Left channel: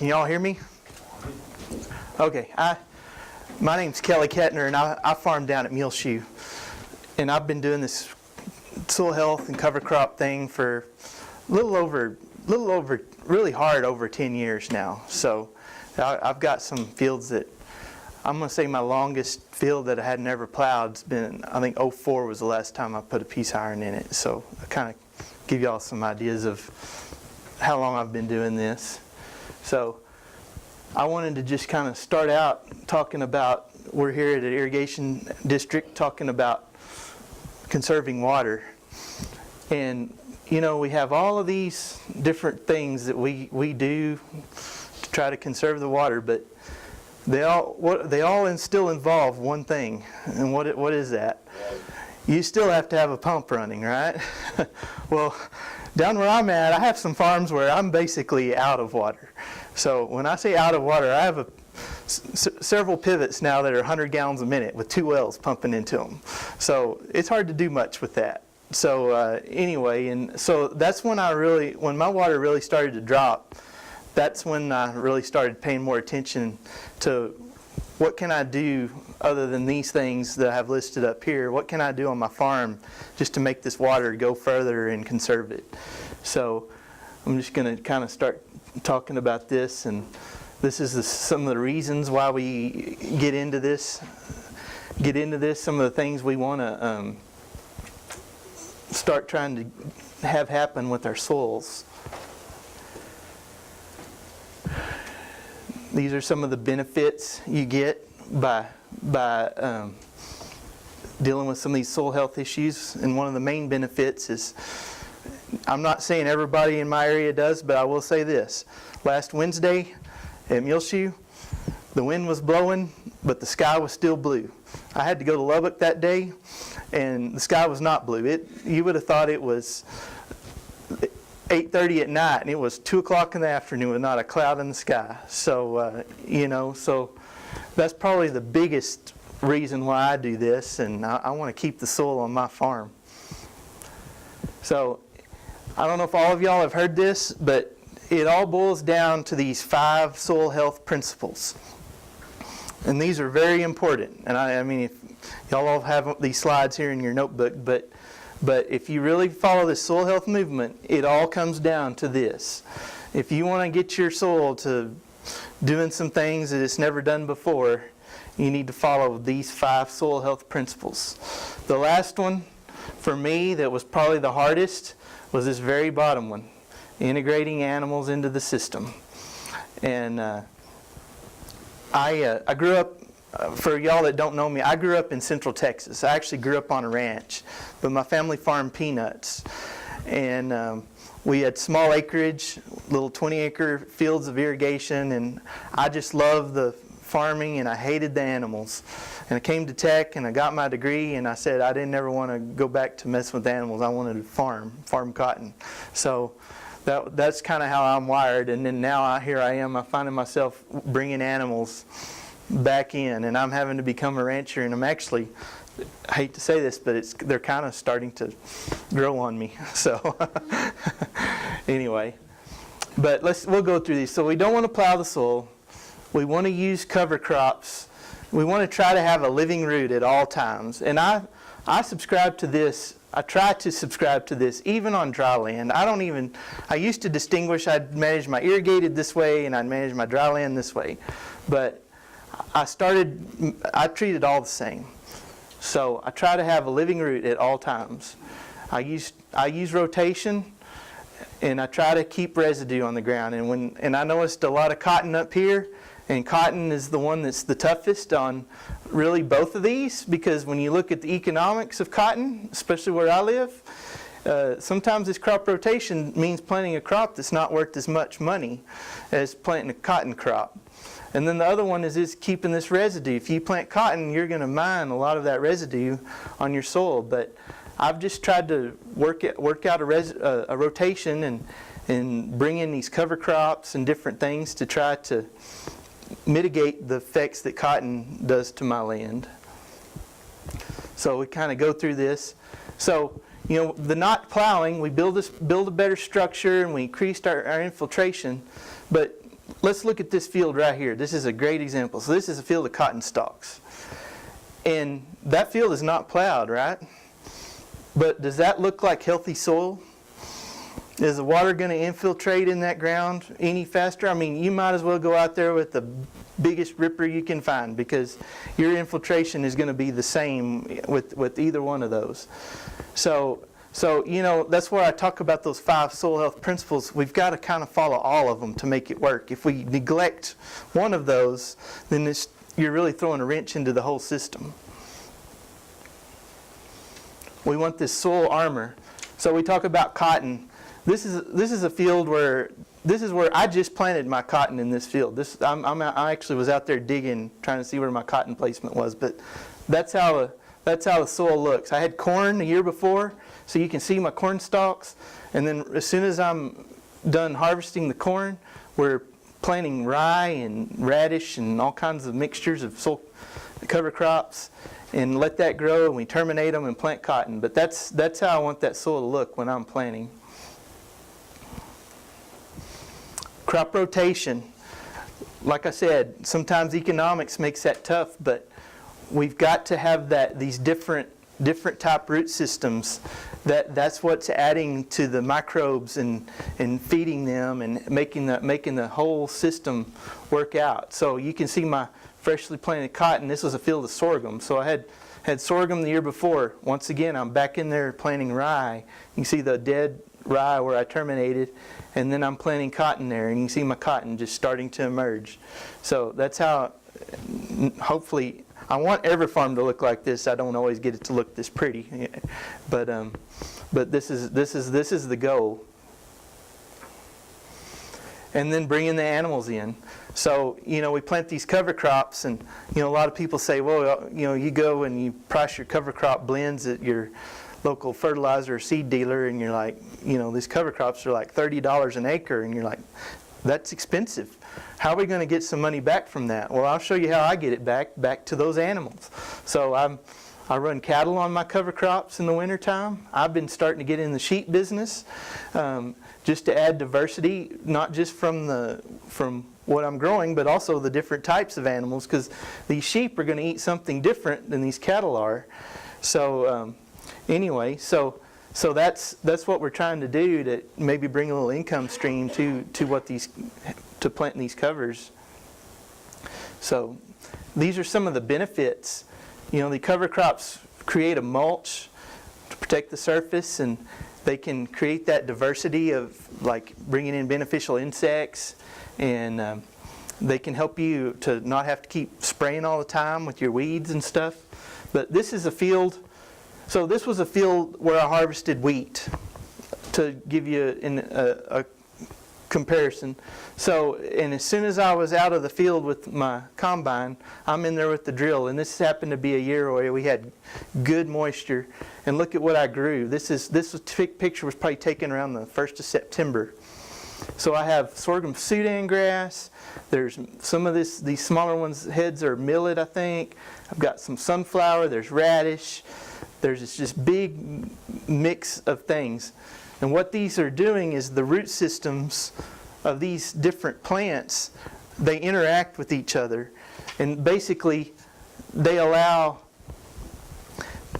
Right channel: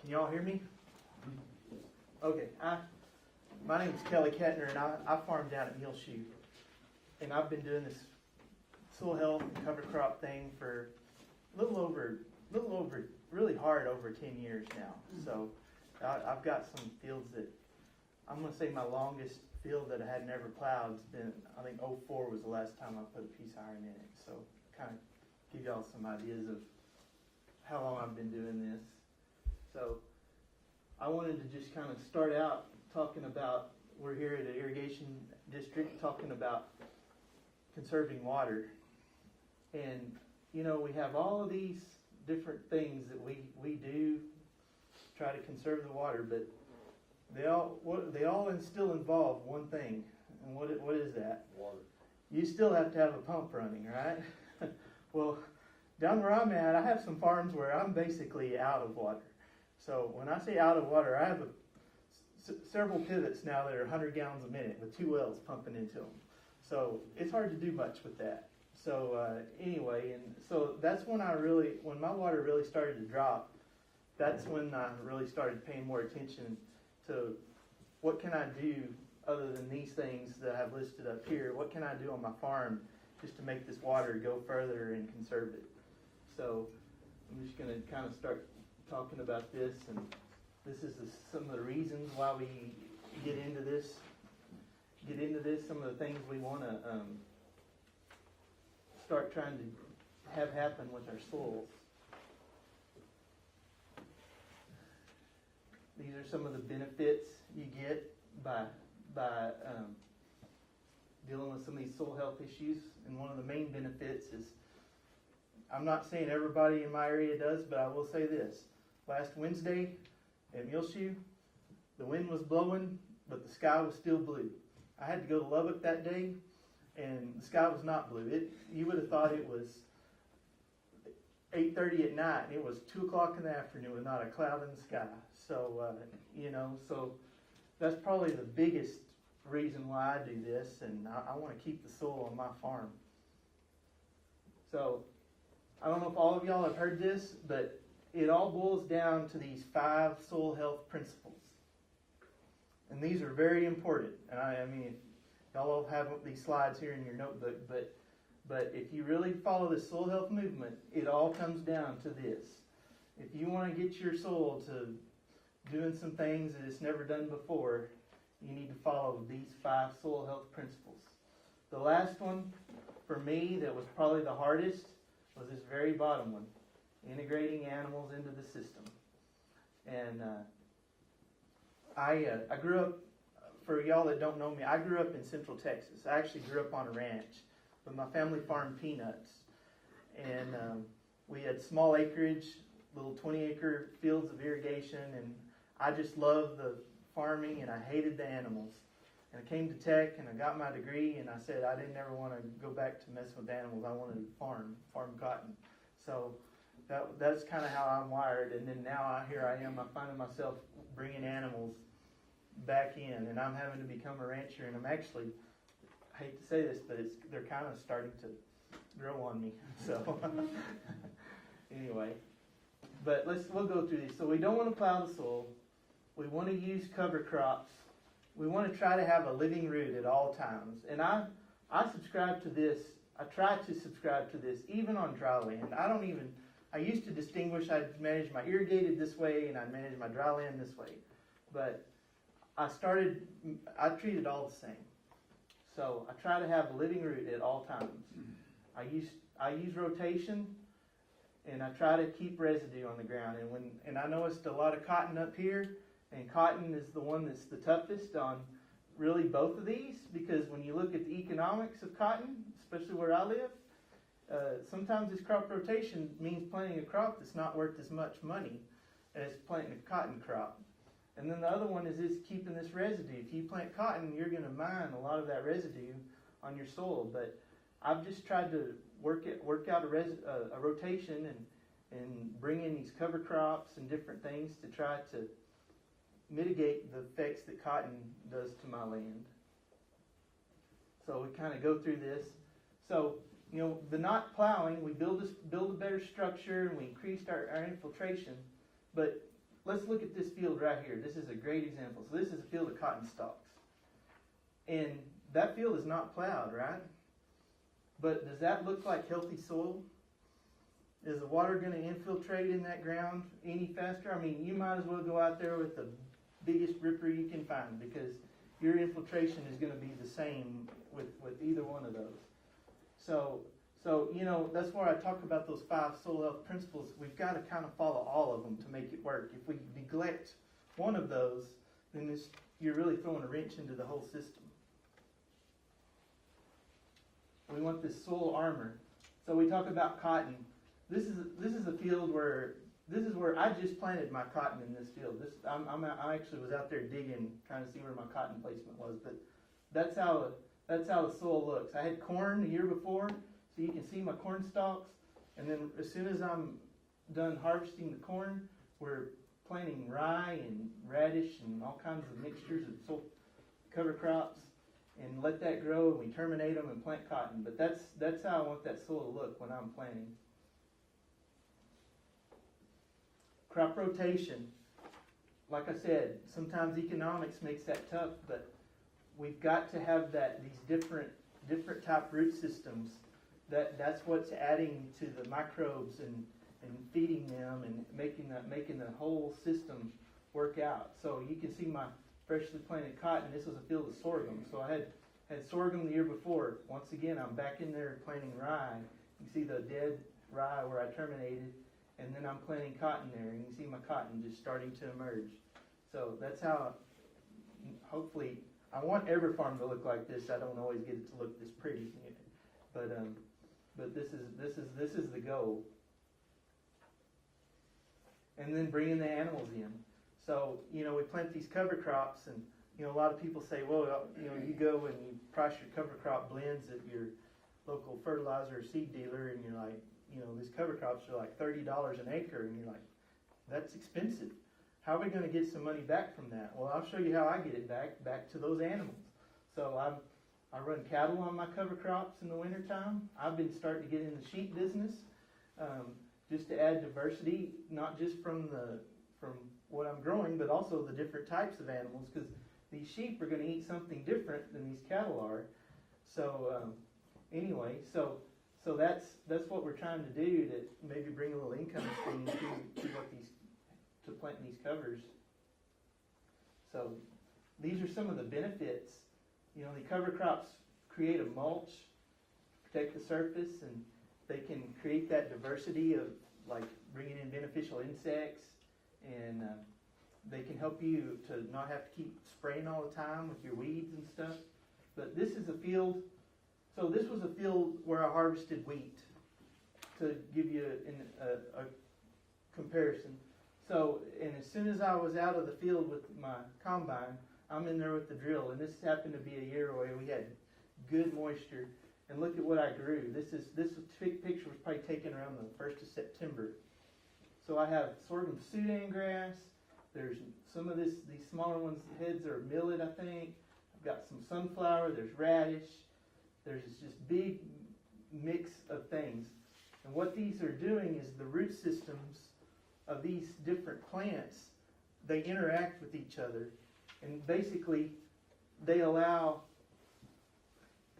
Can y'all hear me? Okay, my name's Kelly Kettner, and I farm down at Muleshoe. And I've been doing this soil health and cover crop thing for really hard over 10 years now. So I've got some fields that, I'm going to say my longest field that I had never plowed has been, I think 04 was the last time I put a piece iron in it. So I kind of give y'all some ideas of how long I've been doing this. So I wanted to just kind of start out talking about, we're here at an irrigation district talking about conserving water. And you know, we have all of these different things that we do to try to conserve the water, but they all still involve one thing. And what is that? You still have to have a pump running, right? Well, down where I'm at, I have some farms where I'm basically out of water. So when I say out of water, I have several pivots now that are 100 gallons a minute with 2 wells pumping into them. So it's hard to do much with that. So anyway, and so that's when when my water really started to drop, that's when I really started paying more attention to what can I do other than these things that I have listed up here. What can I do on my farm just to make this water go further and conserve it? So I'm just going to kind of start talking about this, and this is some of the reasons why we get into this. Some of the things we want to start trying to have happen with our soils. These are some of the benefits you get by dealing with some of these soil health issues. And one of the main benefits is, I'm not saying everybody in my area does, but I will say this. Last Wednesday at Muleshoe, the wind was blowing, but the sky was still blue. I had to go to Lubbock that day, and the sky was not blue. You would have thought it was 8:30 at night, and it was 2 o'clock in the afternoon with not a cloud in the sky. So, so that's probably the biggest reason why I do this, and I want to keep the soil on my farm. So, I don't know if all of y'all have heard this, but it all boils down to these 5 soil health principles. And these are very important. And I mean, if y'all all have these slides here in your notebook, but if you really follow this soil health movement, it all comes down to this. If you want to get your soil to doing some things that it's never done before, you need to follow these 5 soil health principles. The last one, for me, that was probably the hardest, was this very bottom one, integrating animals into the system. And I grew up, for y'all that don't know me, I grew up in Central Texas. I actually grew up on a ranch, but my family farmed peanuts. And we had small acreage, little 20-acre fields of irrigation, and I just loved the farming and I hated the animals. And I came to Tech and I got my degree, and I said I didn't ever want to go back to mess with animals. I wanted to farm cotton. So that's kind of how I'm wired. And then now here I am, I'm finding myself bringing animals back in, and I'm having to become a rancher, and I'm actually, I hate to say this, but they're kind of starting to grow on me. So anyway, but we'll go through these. So we don't want to plow the soil. We want to use cover crops. We want to try to have a living root at all times. And I subscribe to this. I try to subscribe to this even on dry land. I used to distinguish, I'd manage my irrigated this way and I'd manage my dry land this way. But I treat it all the same. So I try to have a living root at all times. I use rotation, and I try to keep residue on the ground. And I noticed a lot of cotton up here, and cotton is the one that's the toughest on really both of these, because when you look at the economics of cotton, especially where I live, sometimes this crop rotation means planting a crop that's not worth as much money as planting a cotton crop. And then the other one is keeping this residue. If you plant cotton, you're going to mine a lot of that residue on your soil. But I've just tried to work out a rotation and bring in these cover crops and different things to try to mitigate the effects that cotton does to my land. So we kind of go through this. So, you know, the not plowing, we build a better structure and we increased our infiltration. But let's look at this field right here. This is a great example. So this is a field of cotton stalks. And that field is not plowed, right? But does that look like healthy soil? Is the water going to infiltrate in that ground any faster? I mean, you might as well go out there with the biggest ripper you can find, because your infiltration is going to be the same with either one of those. So you know, that's where I talk about those 5 soil health principles. We've got to kind of follow all of them to make it work. If we neglect one of those, then you're really throwing a wrench into the whole system. We want this soil armor. So we talk about cotton. This is a field where I just planted my cotton in this field. I actually was out there digging, trying to see where my cotton placement was. But that's how the soil looks. I had corn the year before, so you can see my corn stalks. And then as soon as I'm done harvesting the corn, we're planting rye and radish and all kinds of mixtures of soil cover crops, and let that grow, and we terminate them and plant cotton. But that's how I want that soil to look when I'm planting. Crop rotation. Like I said, sometimes economics makes that tough, but we've got to have these different type root systems. That's what's adding to the microbes and feeding them and making the whole system work out. So you can see my freshly planted cotton. This was a field of sorghum. So I had sorghum the year before. Once again, I'm back in there planting rye. You can see the dead rye where I terminated, and then I'm planting cotton there, and you can see my cotton just starting to emerge. So that's how, hopefully, I want every farm to look like this. I don't always get it to look this pretty, but this is the goal. And then bringing the animals in. So, you know, we plant these cover crops, and, you know, a lot of people say, well, you know, you go and you price your cover crop blends at your local fertilizer or seed dealer, and you're like, you know, these cover crops are like $30 an acre, and you're like, that's expensive. How are we going to get some money back from that? Well, I'll show you how I get it back to those animals. So I run cattle on my cover crops in the wintertime. I've been starting to get in the sheep business, just to add diversity, not just from what I'm growing, but also the different types of animals, because these sheep are going to eat something different than these cattle are. So anyway, so that's what we're trying to do, to maybe bring a little income stream to planting these covers. So these are some of the benefits. You know, the cover crops create a mulch to protect the surface, and they can create that diversity of, like, bringing in beneficial insects, and they can help you to not have to keep spraying all the time with your weeds and stuff. But this is a field. So this was a field where I harvested wheat, to give you a comparison. So, and as soon as I was out of the field with my combine, I'm in there with the drill, and this happened to be a year where we had good moisture. And look at what I grew. This picture was probably taken around the 1st of September. So I have sorghum Sudan grass. There's some of these smaller ones, heads are millet, I think. I've got some sunflower. There's radish. There's this big mix of things. And what these are doing is the root systems of these different plants, they interact with each other. And basically, they allow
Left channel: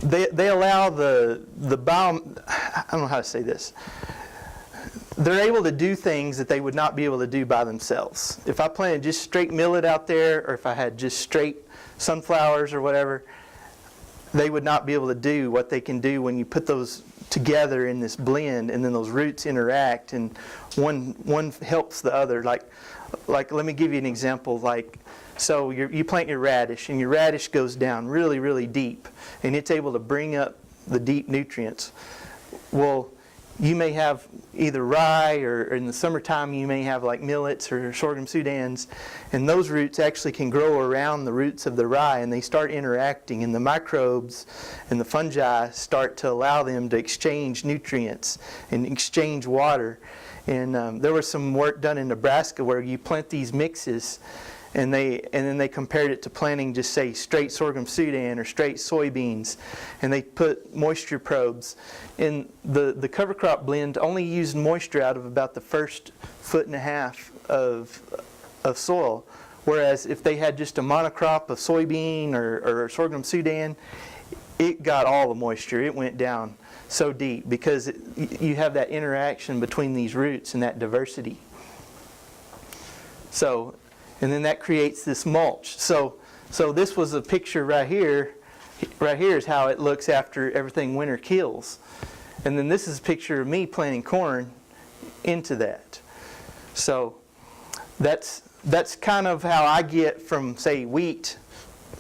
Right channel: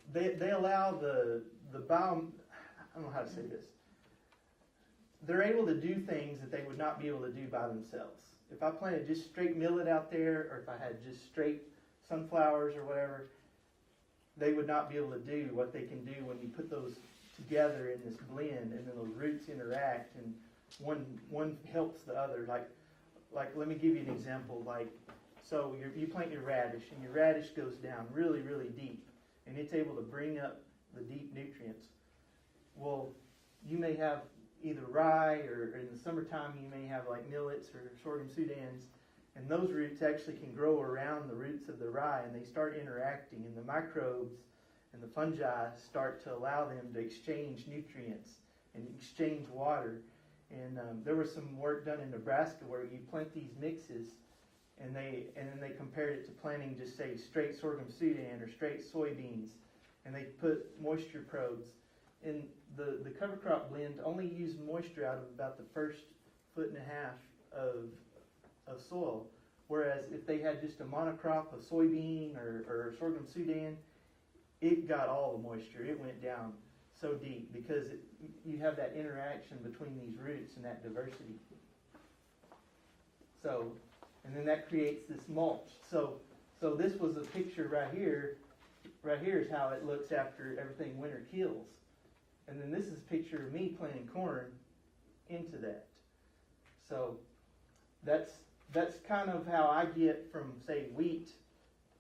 the bio, I don't know how to say this. They're able to do things that they would not be able to do by themselves. If I planted just straight millet out there, or if I had just straight sunflowers or whatever, they would not be able to do what they can do when you put those together in this blend, and then those roots interact, and one helps the other. Like let me give you an example. Like, so you plant your radish, and your radish goes down really, really deep, and it's able to bring up the deep nutrients. Well, you may have either rye, or in the summertime you may have like millets or sorghum Sudans, and those roots actually can grow around the roots of the rye, and they start interacting, and the microbes and the fungi start to allow them to exchange nutrients and exchange water. And there was some work done in Nebraska where you plant these mixes, and then they compared it to planting just, say, straight sorghum Sudan or straight soybeans, and they put moisture probes. And the cover crop blend only used moisture out of about the first 1.5 foot of of soil. Whereas if they had just a monocrop of soybean or sorghum Sudan, it got all the moisture. It went down so deep because you have that interaction between these roots and that diversity. So, and then that creates this mulch. So this was a picture right here. Right here is how it looks after everything winter kills. And then this is a picture of me planting corn into that. So that's kind of how I get from, say, wheat.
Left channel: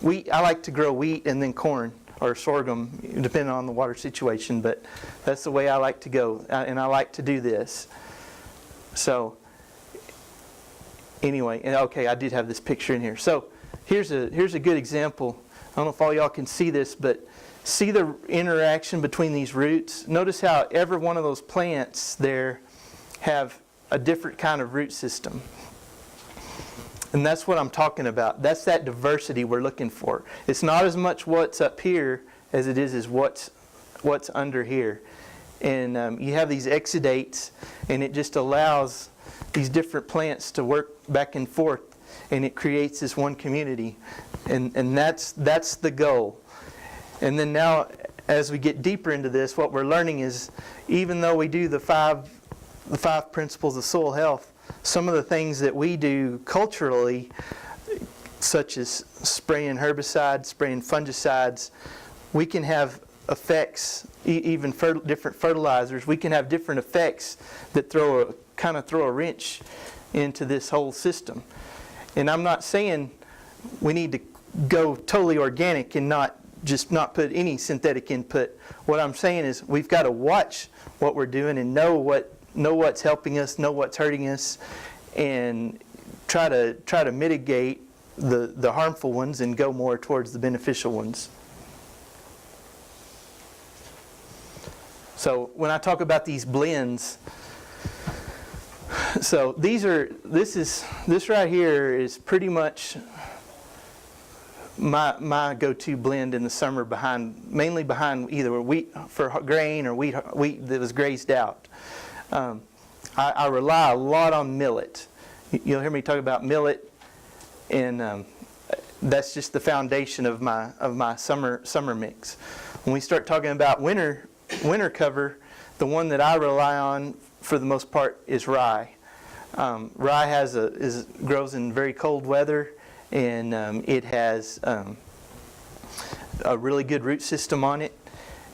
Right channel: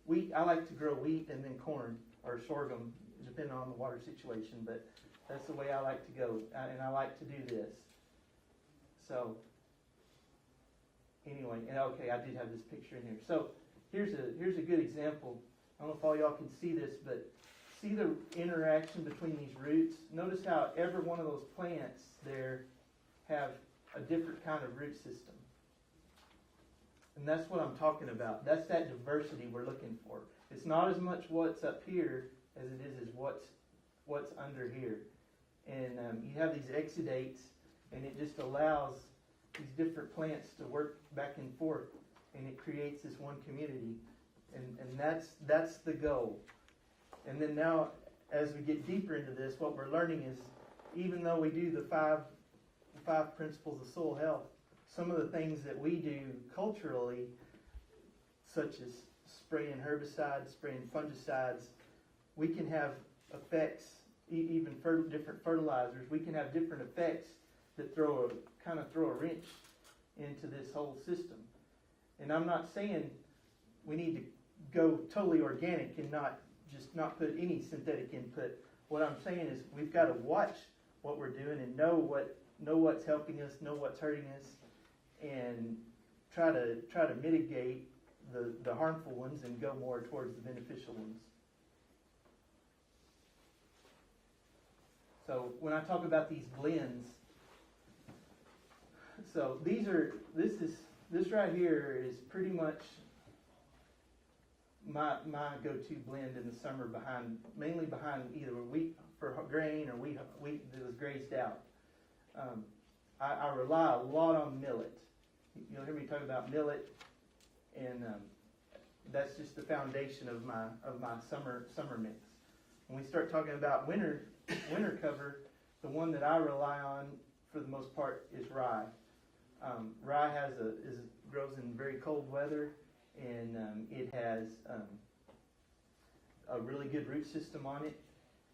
I like to grow wheat and then corn or sorghum, depending on the water situation, but that's the way I like to go, and I like to do this. So anyway, and okay, I did have this picture in here. So here's a good example. I don't know if all y'all can see this, but see the interaction between these roots? Notice how every one of those plants there have a different kind of root system. And that's what I'm talking about. That's that diversity we're looking for. It's not as much what's up here as it is what's under here. And you have these exudates, and it just allows these different plants to work back and forth, and it creates this one community. And that's the goal. And then now, as we get deeper into this, what we're learning is, even though we do the five principles of soil health, some of the things that we do culturally, such as spraying herbicides, spraying fungicides, we can have effects, even different fertilizers, we can have different effects that kind of throw a wrench into this whole system. And I'm not saying we need to go totally organic and not put any synthetic input. What I'm saying is we've got to watch what we're doing and know what's helping us, know what's hurting us, and try to mitigate the harmful ones and go more towards the beneficial ones. So when I talk about these blends, so this right here is pretty much my go-to blend in the summer, mainly behind either wheat for grain or wheat that was grazed out. I rely a lot on millet. You'll hear me talk about millet, and that's just the foundation of my summer mix. When we start talking about winter cover, the one that I rely on for the most part is rye. Rye grows in very cold weather, and it has a really good root system on it.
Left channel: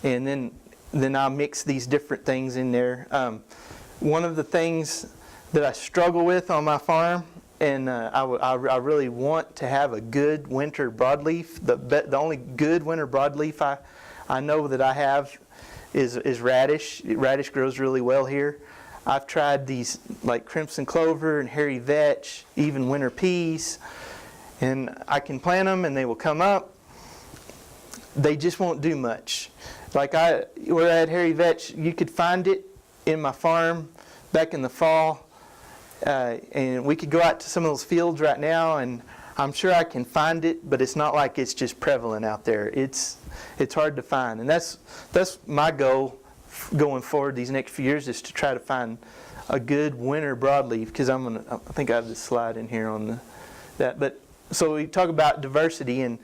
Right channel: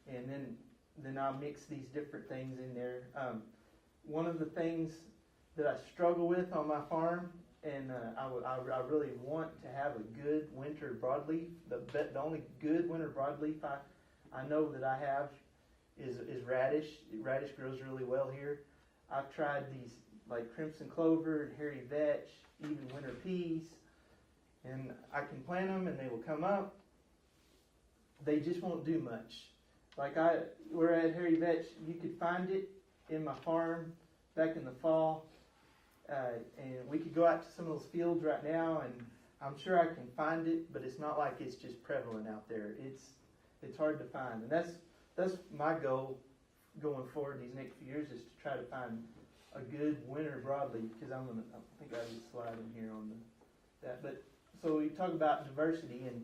And then I'll mix these different things in there. One of the things that I struggle with on my farm, and I really want to have a good winter broadleaf. The only good winter broadleaf I know that I have is radish. Radish grows really well here. I've tried these like crimson clover and hairy vetch, even winter peas, and I can plant them and they will come up. They just won't do much. Like where I had hairy vetch, you could find it in my farm back in the fall, and we could go out to some of those fields right now, and I'm sure I can find it, but it's not like it's just prevalent out there. It's hard to find, and that's my goal going forward these next few years, is to try to find a good winter broadleaf, because I think I have this slide in here on that. But so we talk about diversity, and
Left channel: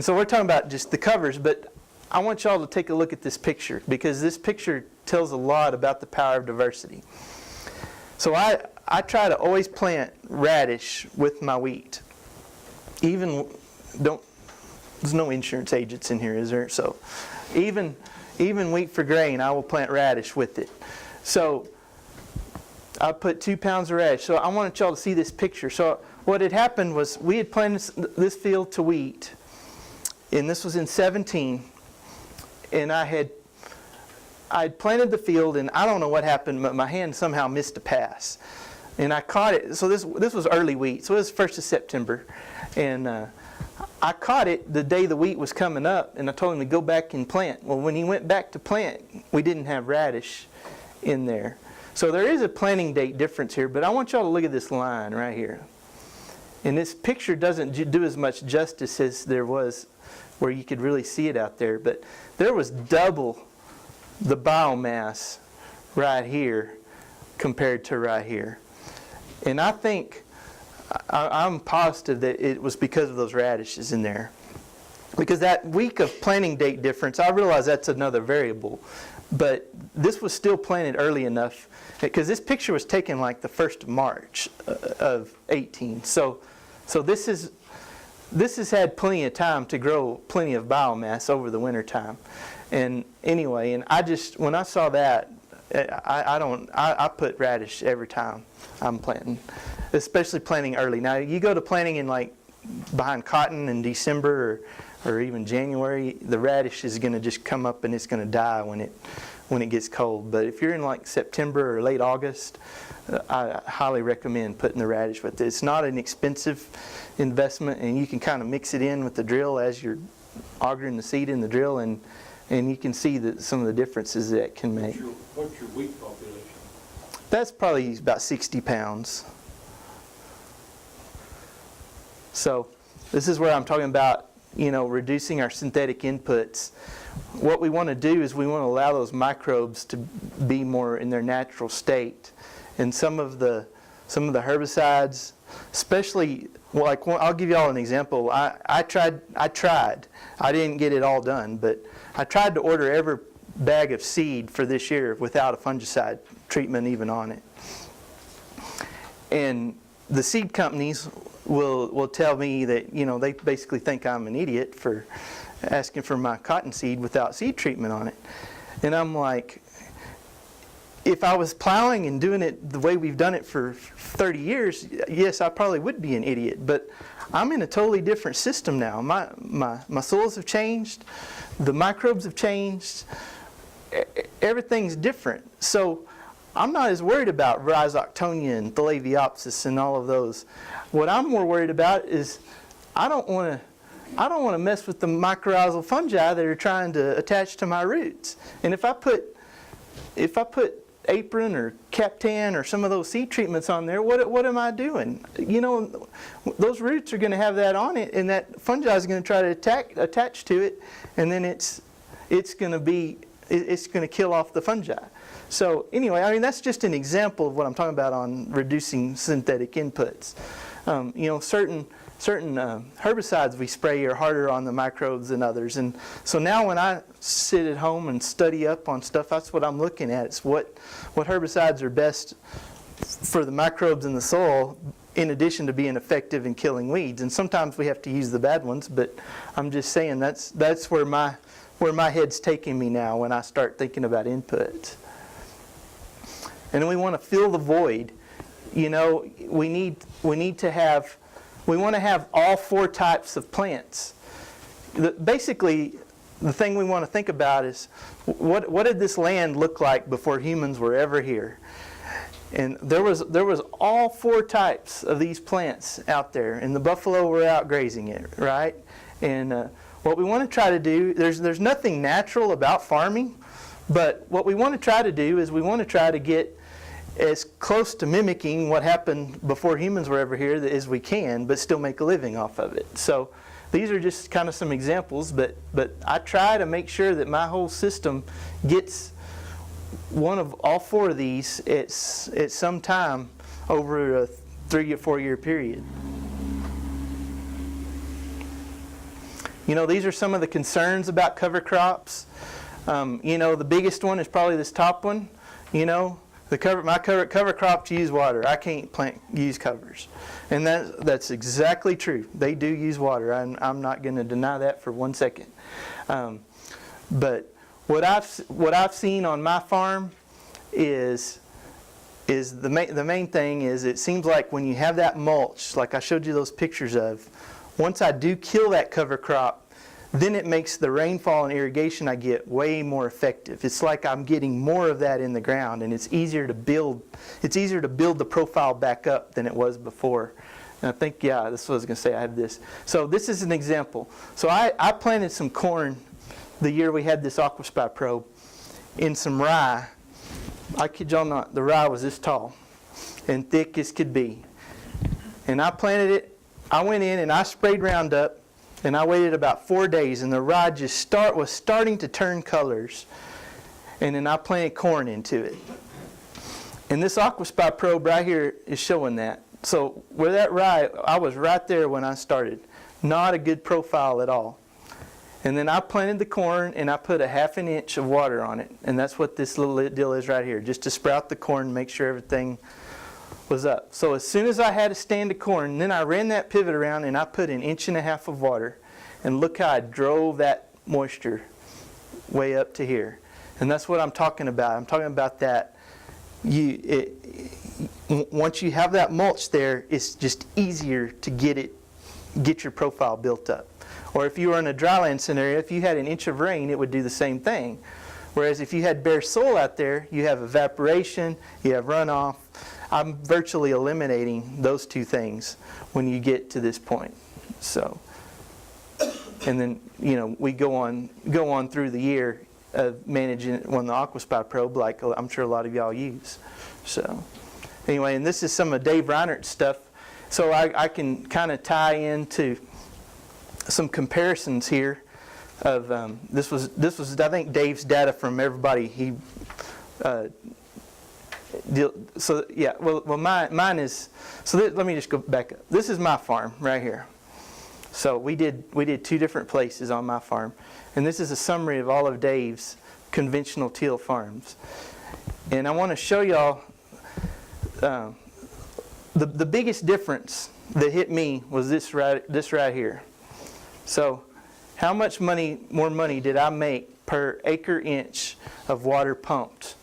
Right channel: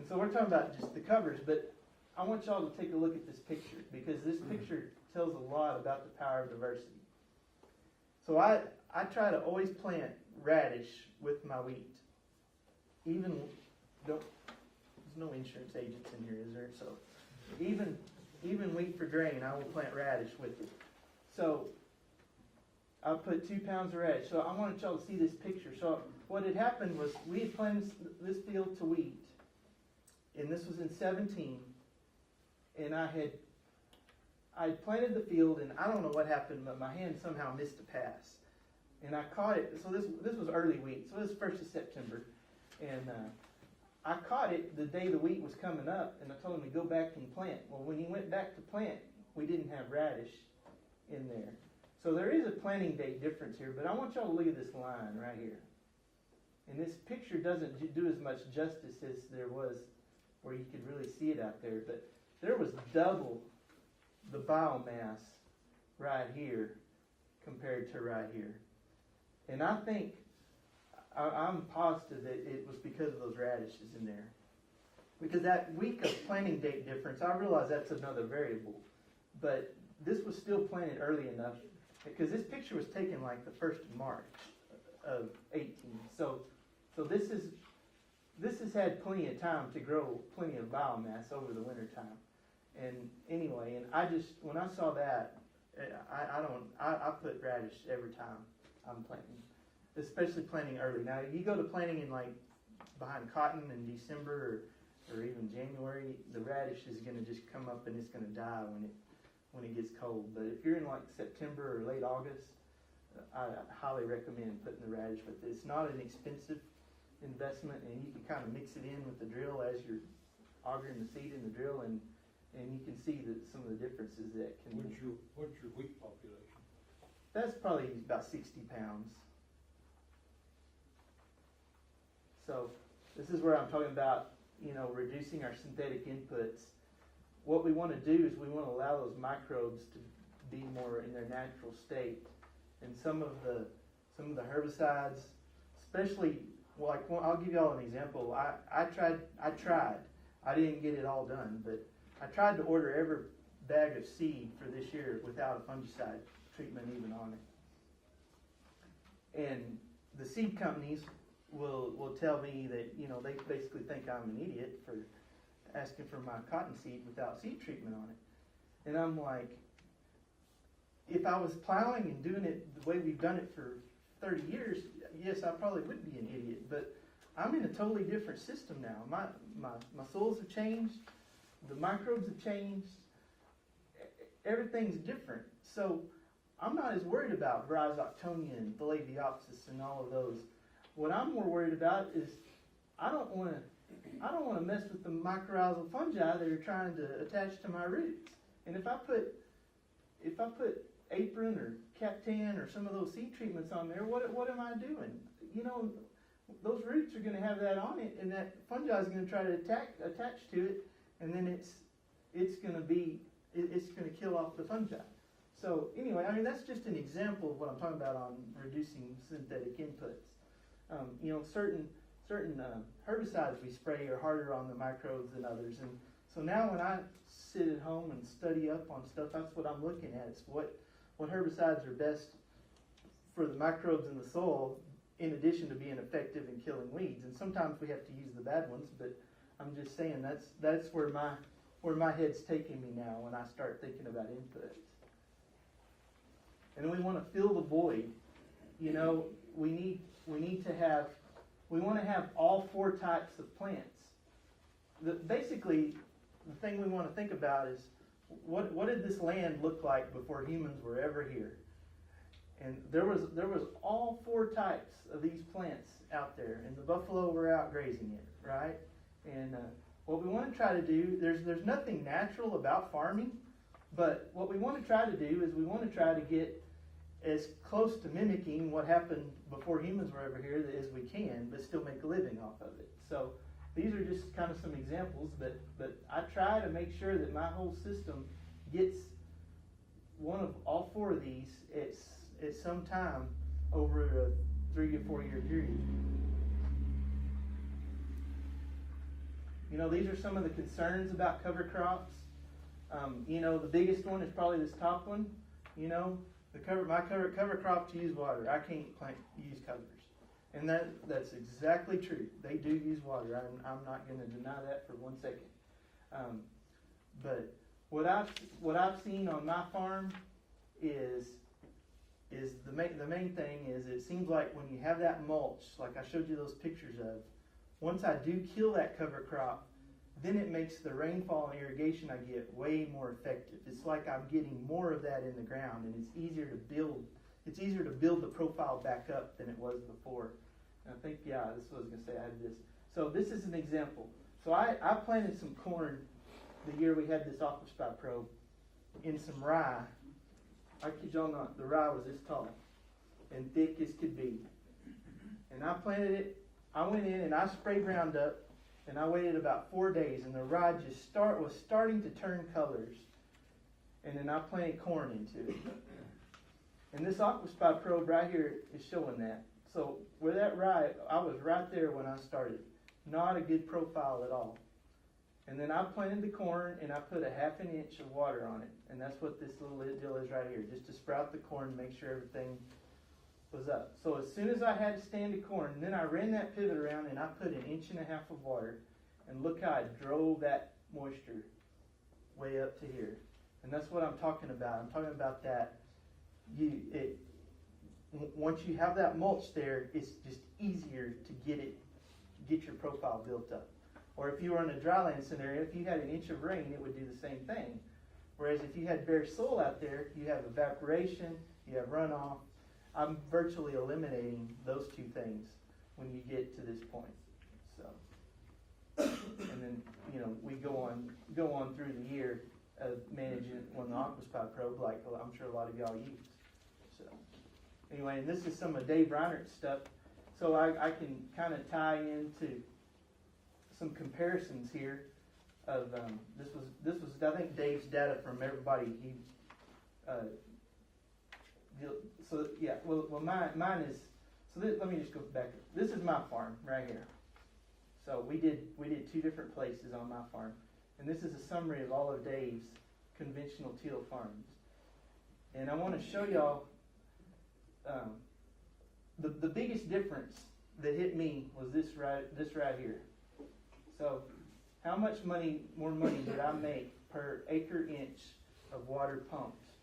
so we're talking about just the covers, but I want y'all to take a look at this picture, because this picture tells a lot about the power of diversity. So I try to always plant radish with my wheat. There's no insurance agents in here, is there? So even wheat for grain, I will plant radish with it. So I put 2 pounds of radish. So I wanted y'all to see this picture. So what had happened was we had planted this field to wheat, and this was in 17, and I'd planted the field, and I don't know what happened, but my hand somehow missed a pass. And I caught it. So this was early wheat. So it was 1st of September. And I caught it the day the wheat was coming up, and I told him to go back and plant. Well, when he went back to plant, we didn't have radish in there. So there is a planting date difference here, but I want y'all to look at this line right here. And this picture doesn't do as much justice as there was where you could really see it out there. But there was double the biomass right here compared to right here. And I think I'm positive that it was because of those radishes in there. Because that week of planting date difference, I realize that's another variable. But this was still planted early enough, because this picture was taken like the 1st of March of 18. So this has had plenty of time to grow plenty of biomass over the winter time. And anyway, and when I saw that, I put radish every time I'm planting, especially planting early. Now you go to planting in like behind cotton in December or even January, the radish is going to just come up and it's going to die when it gets cold. But if you're in like September or late August, I highly recommend putting the radish with it. It's not an expensive investment, and you can kind of mix it in with the drill as you're augering the seed in the drill, and you can see some of the differences that it can make. What's your wheat population? That's probably about 60 pounds. So this is where I'm talking about, reducing our synthetic inputs. What we want to do is we want to allow those microbes to be more in their natural state. And some of the herbicides, especially, like, I'll give you all an example. I tried. I didn't get it all done, but I tried to order every bag of seed for this year without a fungicide treatment even on it. And the seed companies will tell me that, they basically think I'm an idiot for asking for my cotton seed without seed treatment on it. And I'm like, if I was plowing and doing it the way we've done it for 30 years, yes, I probably would be an idiot. But I'm in a totally different system now. My soils have changed. The microbes have changed. Everything's different. So I'm not as worried about Rhizoctonia and Thalaviopsis and all of those. What I'm more worried about is I don't want to mess with the mycorrhizal fungi that are trying to attach to my roots. And if I put Apron or Captan or some of those seed treatments on there, what am I doing? Those roots are going to have that on it, and that fungi is going to try to attach to it, and then it's going to kill off the fungi. So anyway, that's just an example of what I'm talking about on reducing synthetic inputs. Certain herbicides we spray are harder on the microbes than others. And so now when I sit at home and study up on stuff, that's what I'm looking at. It's what herbicides are best for the microbes in the soil, in addition to being effective in killing weeds. And sometimes we have to use the bad ones, but I'm just saying that's where my head's taking me now when I start thinking about inputs. And we want to fill the void. We want to have all 4 types of plants. Basically, the thing we want to think about is what did this land look like before humans were ever here? And there was all 4 types of these plants out there, and the buffalo were out grazing it, right? And what we want to try to do, there's nothing natural about farming, but what we want to try to do is we want to try to get as close to mimicking what happened before humans were ever here as we can, but still make a living off of it. So these are just kind of some examples, but I try to make sure that my whole system gets one of all 4 of these at some time over a 3 or 4 year period. These are some of the concerns about cover crops. The biggest one is probably this top one. My cover crops use water. I can't use covers. And that's exactly true. They do use water. I'm not going to deny that for 1 second. But what I've seen on my farm is the main thing is it seems like when you have that mulch, like I showed you those pictures of, once I do kill that cover crop, then it makes the rainfall and irrigation I get way more effective. It's like I'm getting more of that in the ground, and it's easier to build the profile back up than it was before. And I think, this is what I was going to say. I have this. So this is an example. So I planted some corn the year we had this AquaSpy probe in some rye. I kid y'all not, the rye was this tall and thick as could be. And I planted it. I went in and I sprayed Roundup. And I waited about 4 days, and the rye just was starting to turn colors. And then I planted corn into it. And this AquaSpy probe right here is showing that. So where that rye, I was right there when I started. Not a good profile at all. And then I planted the corn and I put a 1/2 inch of water on it. And that's what this little deal is right here, just to sprout the corn and make sure everything was up. So as soon as I had a stand of corn, then I ran that pivot around and I put 1.5 inches of water. And look how I drove that moisture way up to here. And that's what I'm talking about. I'm talking about that. Once you have that mulch there, it's just easier to get your profile built up. Or if you were in a dryland scenario, if you had 1 inch of rain, it would do the same thing. Whereas if you had bare soil out there, you have evaporation, you have runoff. I'm virtually eliminating those two things when you get to this point. So, and then we go on through the year of managing it on the AquaSpy probe, like I'm sure a lot of y'all use. So, anyway, and this is some of Dave Reinert's stuff. So I can kind of tie into some comparisons here of this was I think Dave's data from everybody. He so yeah, well mine is, so let me just go back up. This is my farm right here. So we did 2 different places on my farm, and this is a summary of all of Dave's conventional teal farms. And I want to show y'all the biggest difference that hit me was this right here. So how much more money did I make per acre inch of water pumped?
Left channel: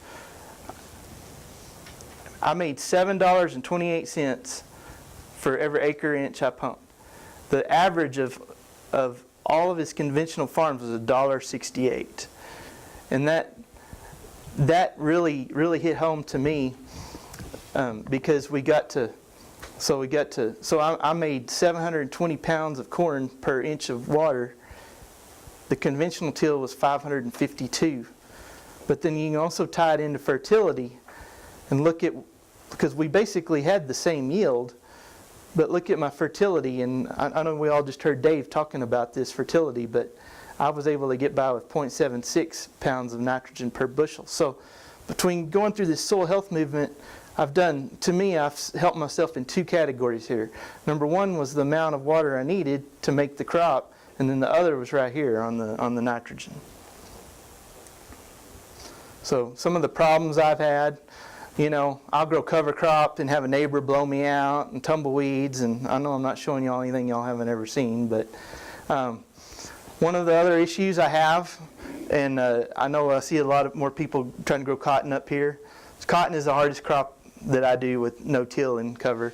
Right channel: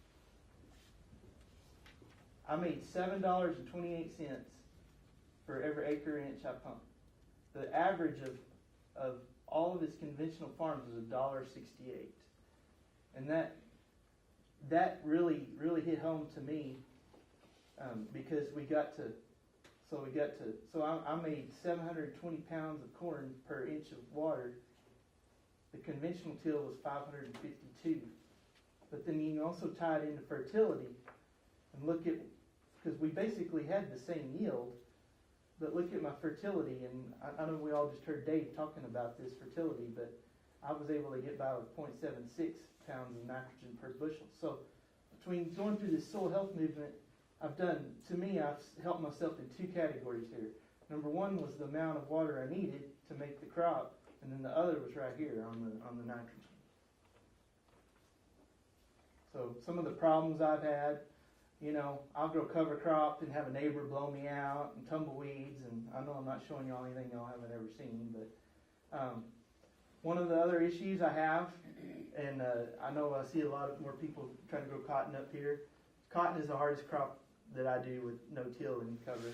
I made $7.28 for every acre inch I pumped. The average of all of his conventional farms was $1.68. And that really hit home to me because I made 720 pounds of corn per inch of water. The conventional till was 552. But then you can also tie it into fertility and look at, because we basically had the same yield, but look at my fertility. And I know we all just heard Dave talking about this fertility, but I was able to get by with 0.76 pounds of nitrogen per bushel. So between going through this soil health movement, I've helped myself in 2 categories here. Number 1 was the amount of water I needed to make the crop, and then the other was right here on the nitrogen. So some of the problems I've had, I'll grow cover crop and have a neighbor blow me out and tumbleweeds, and I know I'm not showing y'all anything y'all haven't ever seen, but one of the other issues I have, and I know I see a lot of more people trying to grow cotton up here. Cotton is the hardest crop that I do with no till and cover.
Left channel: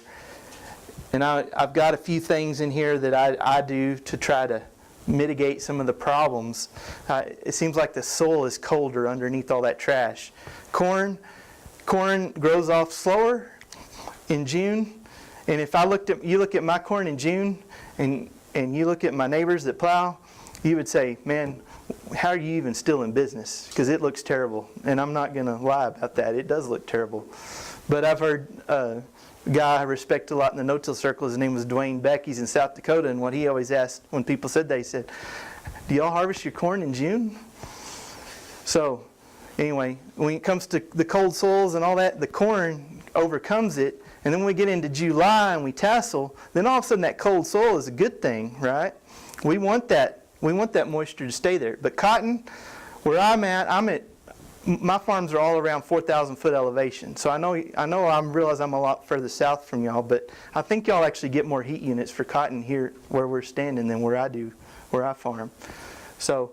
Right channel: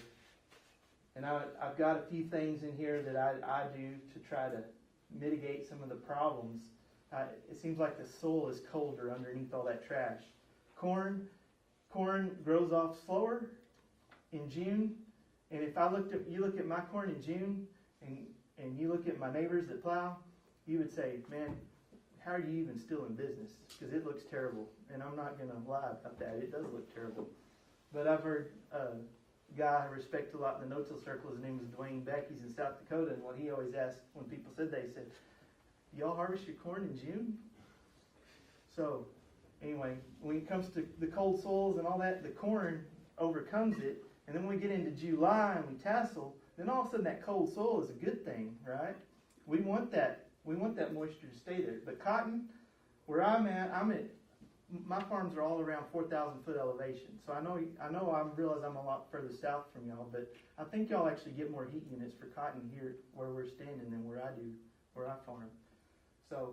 And I've got a few things in here that I do to try to mitigate some of the problems. It seems like the soil is colder underneath all that trash. Corn grows off slower in June. And if you look at my corn in June and you look at my neighbors that plow, you would say, man, how are you even still in business? Because it looks terrible. And I'm not going to lie about that. It does look terrible. But I've heard a guy I respect a lot in the no-till circle, his name was Dwayne Beck, he's in South Dakota, and what he always asked when people said that, he said, do y'all harvest your corn in June? So anyway, when it comes to the cold soils and all that, the corn overcomes it. And then when we get into July and we tassel, then all of a sudden that cold soil is a good thing, right? We want that moisture to stay there. But cotton, where I'm at, my farms are all around 4,000 foot elevation. So I realize I'm a lot further south from y'all, but I think y'all actually get more heat units for cotton here where we're standing than where I farm. So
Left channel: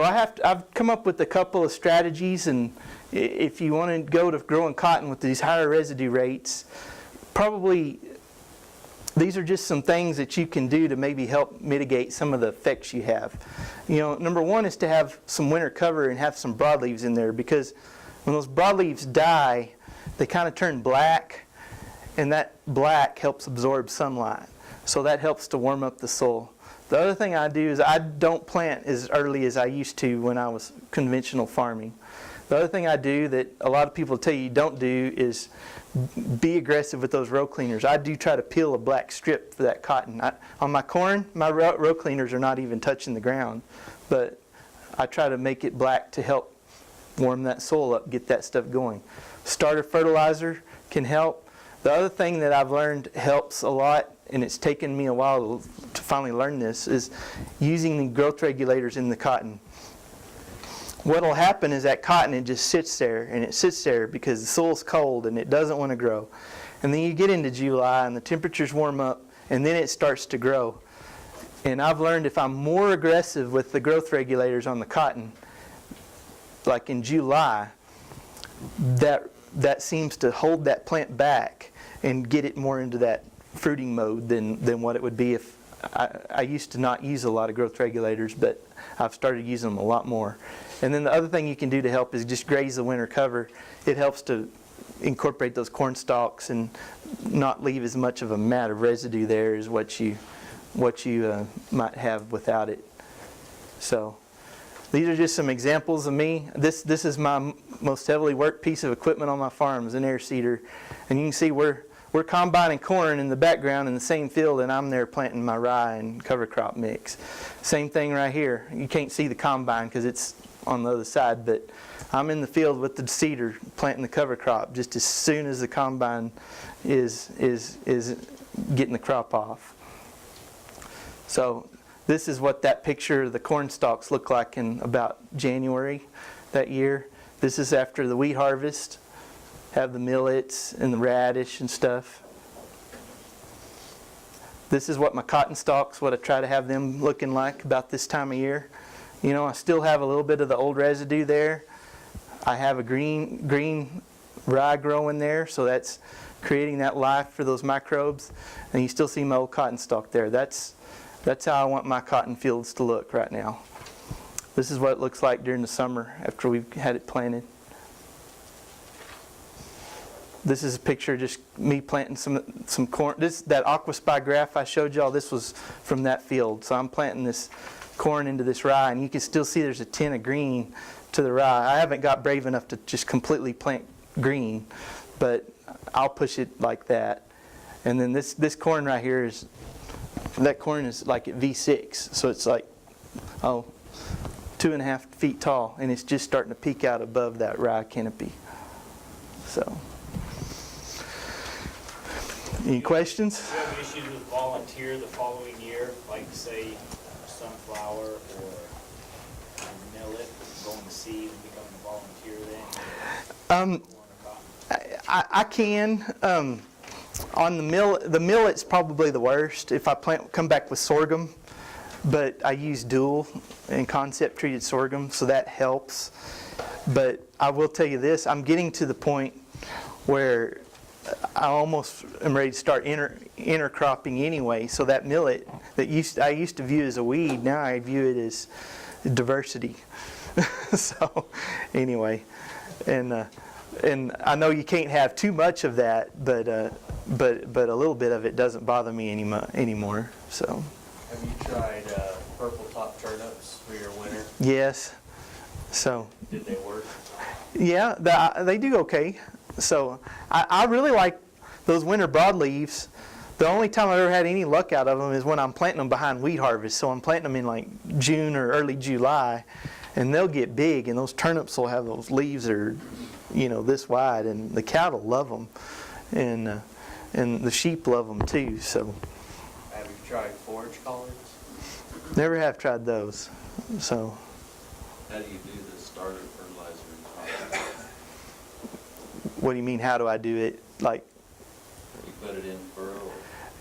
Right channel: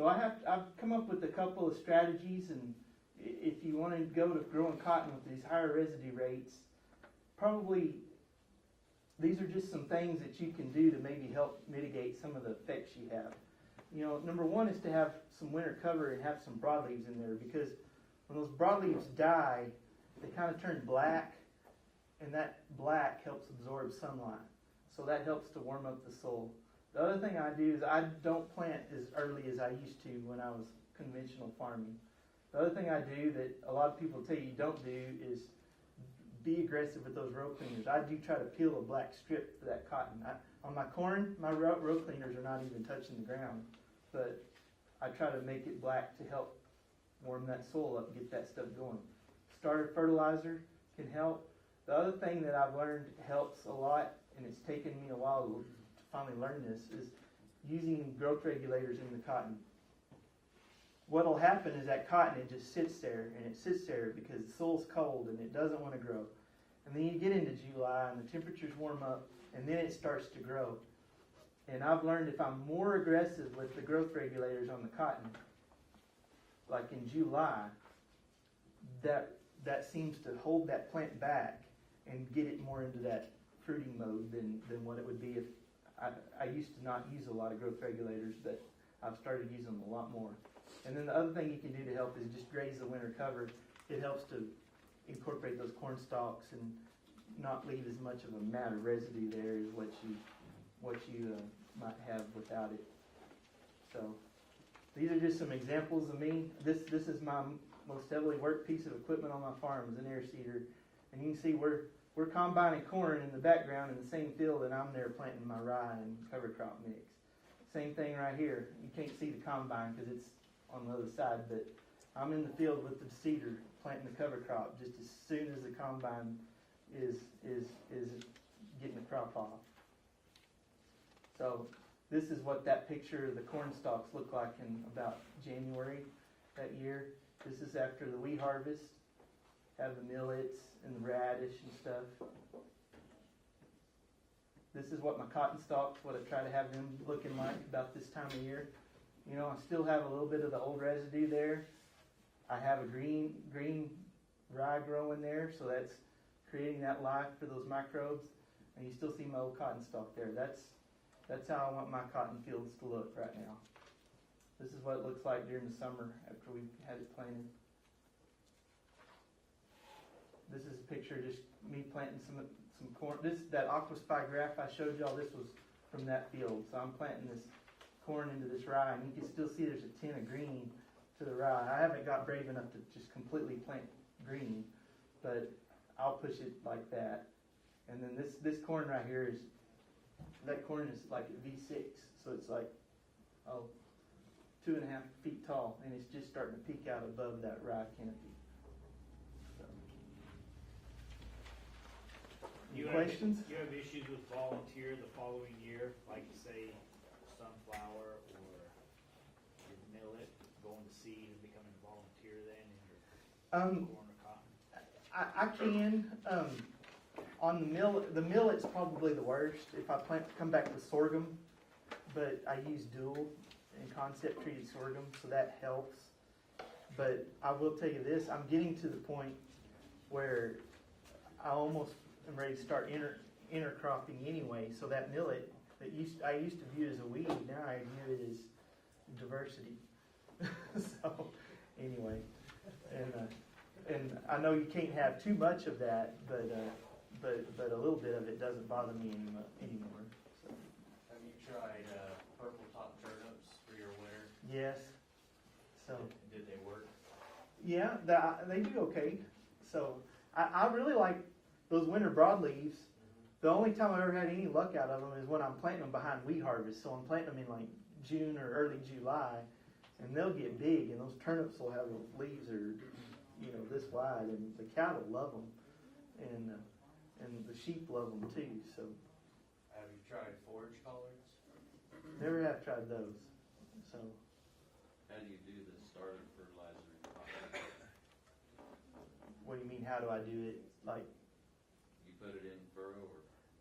I've come up with a couple of strategies, and if you want to go to growing cotton with these higher residue rates, probably these are just some things that you can do to maybe help mitigate some of the effects you have. Number 1 is to have some winter cover and have some broadleaves in there, because when those broadleaves die, they kind of turn black, and that black helps absorb sunlight. So that helps to warm up the soil. The other thing I do is I don't plant as early as I used to when I was conventional farming. The other thing I do that a lot of people tell you don't do is be aggressive with those row cleaners. I do try to peel a black strip for that cotton. On my corn, my row cleaners are not even touching the ground, but I try to make it black to help warm that soil up, get that stuff going. Starter fertilizer can help. The other thing that I've learned helps a lot, and it's taken me a while to finally learn this, is using the growth regulators in the cotton. What will happen is that cotton, it just sits there, and it sits there because the soil's cold and it doesn't want to grow. And then you get into July and the temperatures warm up, and then it starts to grow. And I've learned if I'm more aggressive with the growth regulators on the cotton, like in July, that seems to hold that plant back and get it more into that fruiting mode than what it would be if I used to not use a lot of growth regulators, but I've started using them a lot more. And then the other thing you can do to help is just graze the winter cover. It helps to incorporate those corn stalks and not leave as much of a mat of residue there as what you might have without it. So these are just some examples of me. This is my most heavily worked piece of equipment on my farm, is an air seeder. And you can see we're combining corn in the background in the same field, and I'm there planting my rye and cover crop mix. Same thing right here. You can't see the combine because it's on the other side, but I'm in the field with the seeder planting the cover crop just as soon as the combine is getting the crop off. So this is what that picture of the corn stalks looked like in about January that year. This is after the wheat harvest. Have the millets and the radish and stuff. This is what my cotton stalks, what I try to have them looking like about this time of year. You know, I still have a little bit of the old residue there. I have a green rye growing there, so that's creating that life for those microbes. And you still see my old cotton stalk there. That's how I want my cotton fields to look right now. This is what it looks like during the summer after we've had it planted. This is a picture of just me planting some corn. That aquaspy graph I showed y'all, this was from that field. So I'm planting this corn into this rye, and you can still see there's a tint of green to the rye. I haven't got brave enough to just completely plant green, but I'll push it like that. And then this corn right here that corn is like at V6, so it's like 2.5 feet tall, and it's just starting to peek out above that rye canopy. So. Any questions? Do you have issues with volunteer the following year, like say sunflower or millet, going to seed and becoming a volunteer then? I can. On the millet's probably the worst. If I come back with sorghum, but I use dual and concept treated sorghum, so that helps. But I will tell you this: I'm getting to the point where I almost am ready to start intercropping anyway. So that millet that I used to view as a weed, now I view it as diversity. So anyway, and I know you can't have too much of that, but a little bit of it doesn't bother me anymore. So. Have you tried purple top turnips for your winter? Yes. So. Did they work? Yeah, they do okay. So I really like those winter broadleaves. The only time I've ever had any luck out of them is when I'm planting them behind wheat harvest. So I'm planting them in like June or early July, and they'll get big, and those turnips will have those leaves that are, this wide, and the cattle love them, and the sheep love them too. So. Have you tried forage collards? Never have tried those. So. How do you do the starter fertilizer? What do you mean? How do I do it? Like. You put it in furrow?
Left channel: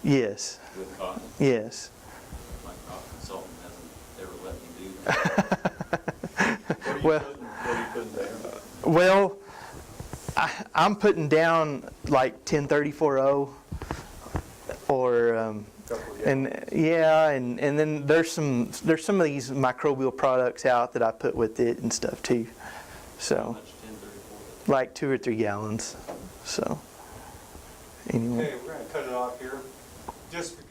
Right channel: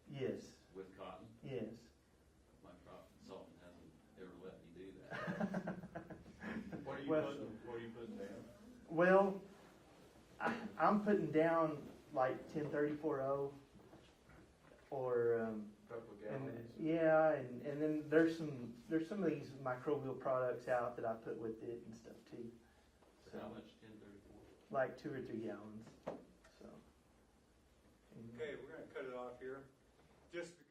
Yes. With cotton? Yes. My crop consultant hasn't ever let me do that. Well. What are you putting there? Well, I'm putting down like 1034 or and then there's some of these microbial products out that I put with it and stuff too. So. How much 1034? Like 2 or 3 gallons. So anyway. Okay, we're going to cut it off here. Just because